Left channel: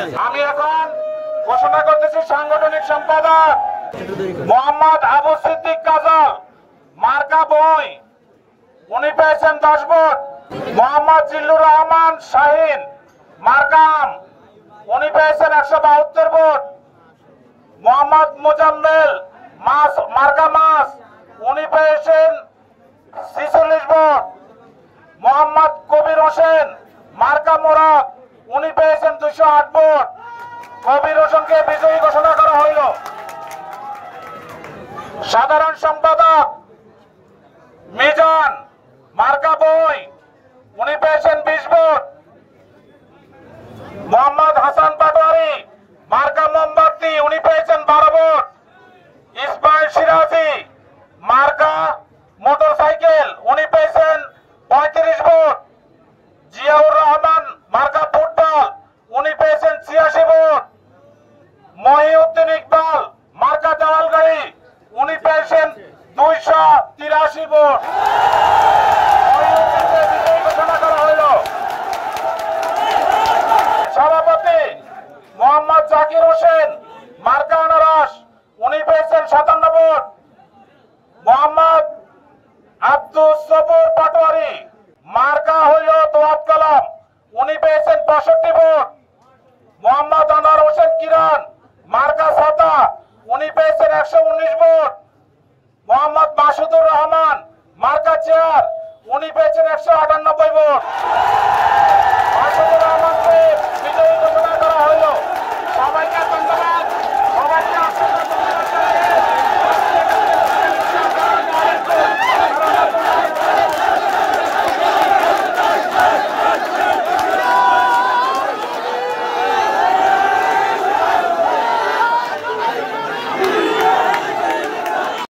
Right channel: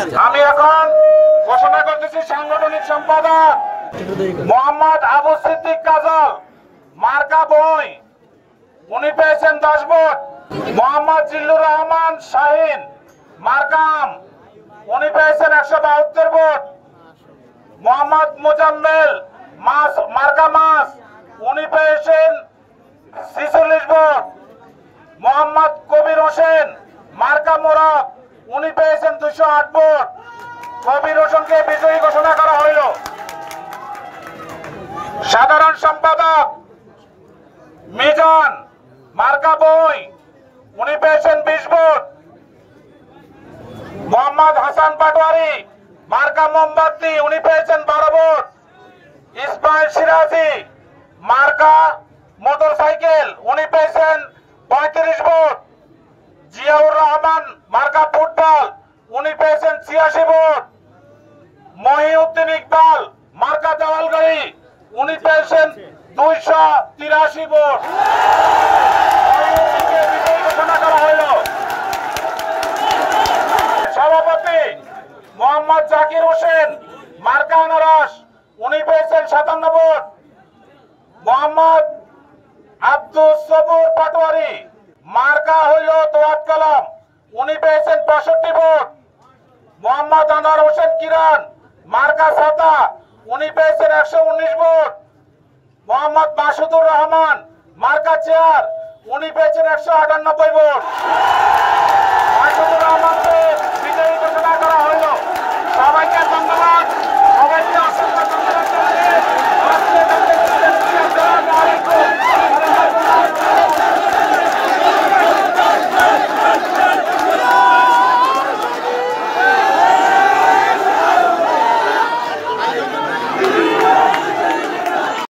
আমি এখন ঘোষণা করতেছি সাংগঠনিক সম্পাদক মোহাম্মদ আবু সিদ্দিক কাজল মার্কা বই উনি পেয়েছেন 10 ভোট। মোহাম্মদ জিল্লুর রহমান শাহিন মার্কাম উনি পেয়েছেন 172 ভোট। মোহাম্মদ মুজাম্মেল মার্কা মাস উনি পেয়েছেন 46 ভোট। মোহাম্মদ কবির হোসেন মার্কা মোরাক উনি পেয়েছেন 208 ভোট। কবির হোসেনকে বিজয়ী ঘোষণা করা হইল। সাধারণ সম্পাদক মিজান মার্কা বই উনি পেয়েছেন 20 ভোট। মোহাম্মদ হাসান পাটোয়ারি মার্কা মোমবাতি উনি পেয়েছেন 12 ভোট। ইসমাইল সিরাজি মার্কা মোটরসাইকেল উনি পেয়েছেন 35 ভোট। জিয়াউর রহমান মার্কা ফুটবল উনি পেয়েছেন 86 ভোট। মহিউদ্দিন ইকবাল মার্কা দেওয়াল গাড়ি উনি পেয়েছেন 283 ভোট। মহিউদ্দিনকে বিজয়ী ঘোষণা করা হইল। সভাপতি মোহাম্মদ জাকির হোসেন মার্কা আনারস উনি পেয়েছেন 57 ভোট। মোহাম্মদ আব্দুল সবুর পাটোয়ারি মার্কা হইল দোয়াত কলম উনি পেয়েছেন 65 ভোট। মোহাম্মদ আনোয়ার হোসেন কিরণ মার্কা ছাতা উনি পেয়েছেন 119 ভোট। মোহাম্মদ মাসুদুর রহমান মার্কা চেয়ার উনি পেয়েছেন 198 ভোট। মাসুদুর রহমানকে বিজয়ী ঘোষণা করা